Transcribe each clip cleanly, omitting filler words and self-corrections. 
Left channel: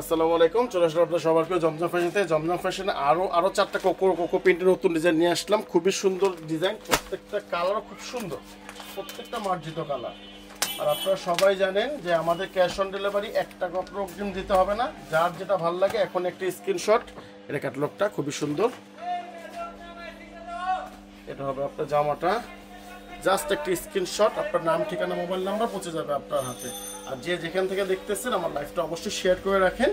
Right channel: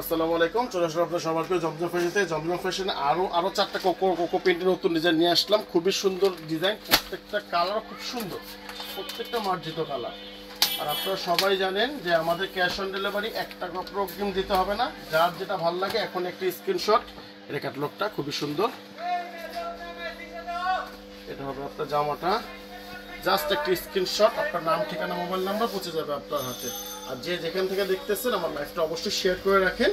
আসসালামু আলাইকুম। চলে আসলাম আপনার সবার প্রিয় জমজম ফ্যাশনেতে। জমজম ফ্যাশনে আরো চারটা কোকো প্রিন্টের নতুন ডিজাইন নিয়ে আসলাম। খুবই সুন্দর ডিজাইন, প্রত্যেকটা কালারও খুব সুন্দর, প্রত্যেকটা মার্জিত কালার। আর আপনারা সবাই জানেন যে আমাদের ক্যাশ অন ডেলিভারি, 1 টাকা অগ্রিম দিতে হবে না। যার যেটা ভালো লাগে এখন একটা স্ক্রিনশট, এটা ক্যাটালগটা খুবই সুন্দর। এটা হবে আপনার জামাটা, জাস্ট একটা স্ক্রিনশট, আপনার নাম, ঠিকানা, মোবাইল নাম্বার পৌঁছে যাবে আপনার হাতে। আর যে যেখান থেকে দেখতেছেন আমার লাইভটা অবশ্যই শেয়ার করে রাখেন,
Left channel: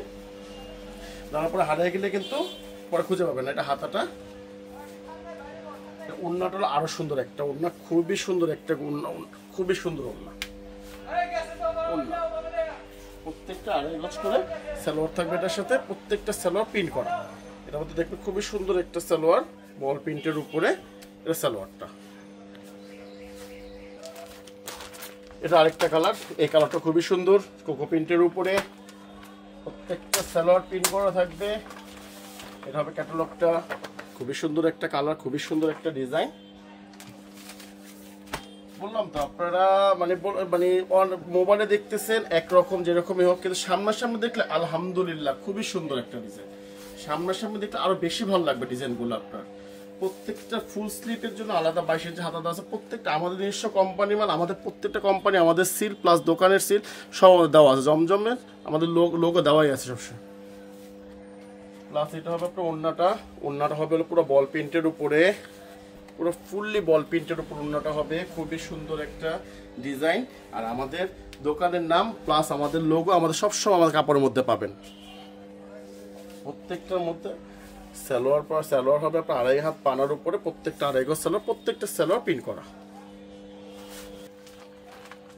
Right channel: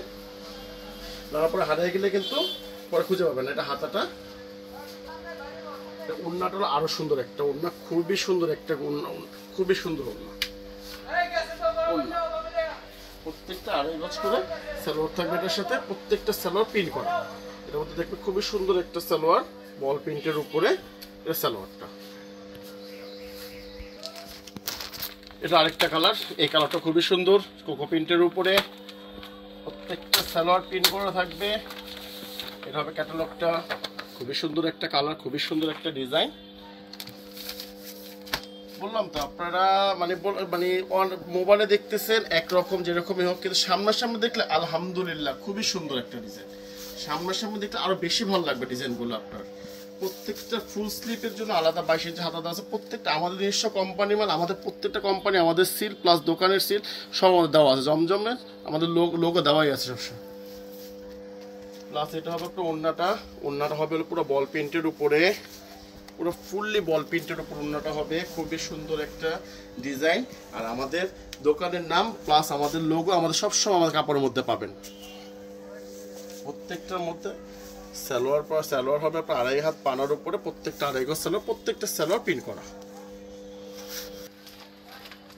যাওয়ার পরে হারিয়ে গেলে কিন্তু পরে খুঁজে পাবেন। এটা হাতাটা, ওড়নাটা হলো আরো সুন্দর একটা ওড়না, খুবই সুন্দর একটা ওড়না, খুবই সুন্দর ওড়না। প্রত্যেকটা 2.5 গজ করে সালোয়ার থাকবে এটার সাথে, প্রত্যেকটা সালোয়ার প্রিন্ট করা। এটার মধ্যে দেখবে খুবই সুন্দর একটা সালোয়ার, বল প্রিন্টের উপরে এর সালোয়ারটা। এটা আরেকটা কালার, এই কালারটা খুবই সুন্দর, কোকো প্রিন্টের উপরে প্রত্যেকটা সালোয়ার প্রিন্ট করা থাকবে। এটা হবে ক্যাটালগটা, খুবই সুন্দর একটা কালার, খুবই সুন্দর একটা ডিজাইন। বললাম তো আপনারা মানে মোবাইলে দেখতেছেন একরকম, যেরকমই হোক, কিন্তু সামনাসামনি দেখলে আলহামদুলিল্লাহ খুবই সুন্দর একটা ডিজাইন। সামনাসামনি দেখলে আরো বেশি ভালো লাগবে ডিজাইনগুলো আপনার। প্রত্যেকটা ফুল স্লিপের জন্য আলাদা 22 ইঞ্চি হাতা দেওয়া আছে। প্রত্যেকটা আমাদের নিজস্ব কোম্পানি মাল, আমাদের প্রত্যেকটা কোম্পানি, আমাদের সিল প্লাস দোকানের সিল সব দেওয়া আছে। জমজমের আমাদের লোগো দেওয়াই আছে সবসময়। প্লাস এটা হবে আপনার ওড়নাটা হবে পুরো বল প্রিন্টের উপরে, পুরো ফুললি বল প্রিন্টের উপর ওড়নাটা হবে। খুবই সুন্দর একটা ডিজাইন। আর আমাদের দোকানের নাম প্লাস আমাদের লোগো আমাদের সবসময় আমাদের কাপড়ের মধ্যে পাবেন। প্রত্যেকটার মধ্যে সালোয়ার হবে আপনার 2.5 হাত পানার উপরে, প্রত্যেকটা 2.5 গজ সালোয়ার, প্রত্যেকটা সালোয়ার প্রিন্ট করা।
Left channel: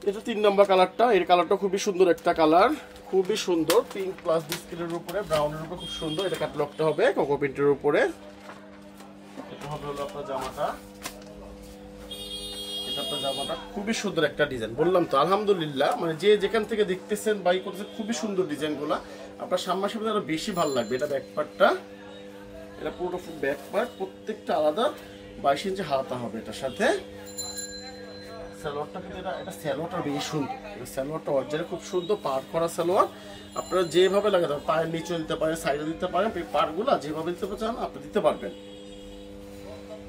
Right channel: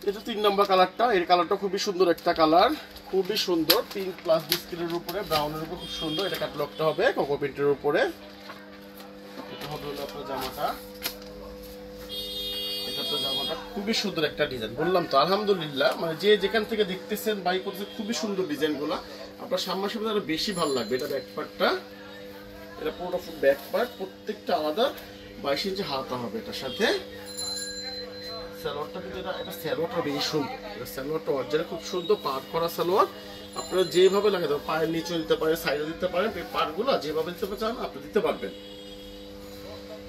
এটা 3 নম্বর কালারটা, এই কালারটা খুবই সুন্দর একটা কালার, খুবই সুন্দর, পিঙ্ক প্লাস বিস্কিটের উপরে ব্রাউনের উপর, খুব সুন্দর। এটা ক্যাটালগটা হবে কোকো প্রিন্টের উপরে। এটা হবে হলো আপনার জামাটা, জামাটা খুবই সুন্দর একটা ডিজাইন। বললাম তো আলহামদুলিল্লাহ, মানে যে যেখান থেকে দেখতেছেন বাই করতেছেন, খুবই সুন্দর ডিজাইনগুলো। আপনার সামনাসামনি আরো বেশি ভালো লাগবে। এটা ব্যাকপার্টটা, এটা পুরো ব্যাকপার্ট, প্রত্যেকটা আলাদা 22 ইঞ্চি হাতা হবে এটার সাথে। সালোয়ারটা কিন্তু এটা সালোয়ারটা বেশি সুন্দর, এটা সালোয়ারটা অরিজিনাল খুব সুন্দর পার করা সালোয়ার। আপনারা যেভাবে লাগাতে পারেন, পায়ের নিচে দিতে পারেন, সাইডে দিতে পারেন, পারগুলো যেভাবে দিতে চান আপনি দিতে পারবেন।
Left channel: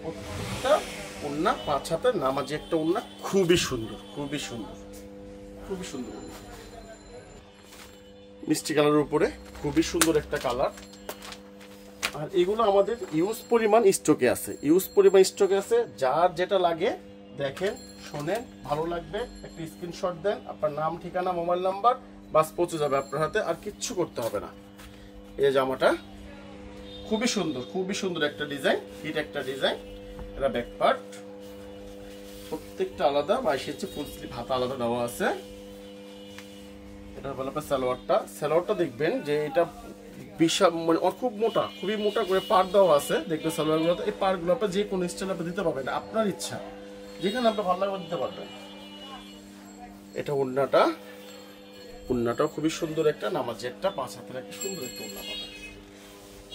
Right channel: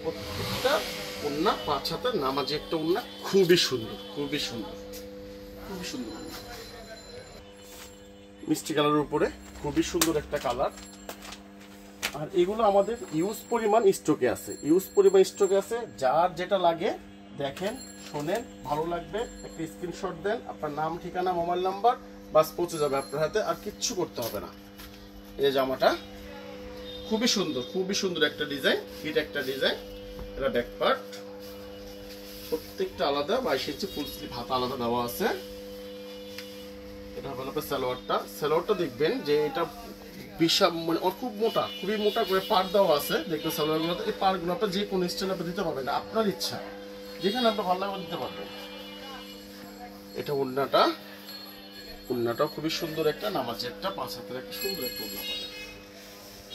প্রত্যেকটা ওড়না 5 হাতের নামাজি একটা ওড়না, খুবই সুন্দর, খুবই সুন্দর, খুবই সুন্দর। মিষ্টি কালারের উপরে খুবই সুন্দর একটা কালার। আর এগুলো আমাদের ইউজ পরিমাণ স্টকে আছে। যার যেটা লাগে দেখেন, শোনেন, ভালো লাগবে, একটা স্ক্রিনশট দেন, আপনার নাম, ঠিকানা, মোবাইল নাম্বার, বাস পৌঁছে যাবে আপনার হাতে, আর কিচ্ছু করতে হবে না। এই জামাটা খুবই সুন্দর, খুবই সুন্দর একটা ডিজাইন, হিট একটা ডিজাইন। এটা ব্যাক পার্ট, প্রত্যেকটা আলাদা 22 ইঞ্চি ফুল স্লিভ হাতা আলাদা দেওয়া আছে। এটা হলো আপনার সালোয়ারটা দেখবেন যে এটা বিশাল, মানে খুব মোটা, খুবই মোটা করে পার দেওয়া আছে। দেখবেন সালোয়ারগুলো, এই পারগুলো আপনার যে কোনো স্টাইল আপনি দিতে পারবেন, আপনার ইচ্ছা, যেখানে আপনি ভালো লাগবে দিতে পারবেন। এটা ওড়নাটাও খুবই সুন্দর একটা নামাজি একটা 5 হাতের একটা সুন্দর একটা ওড়না পাবেন।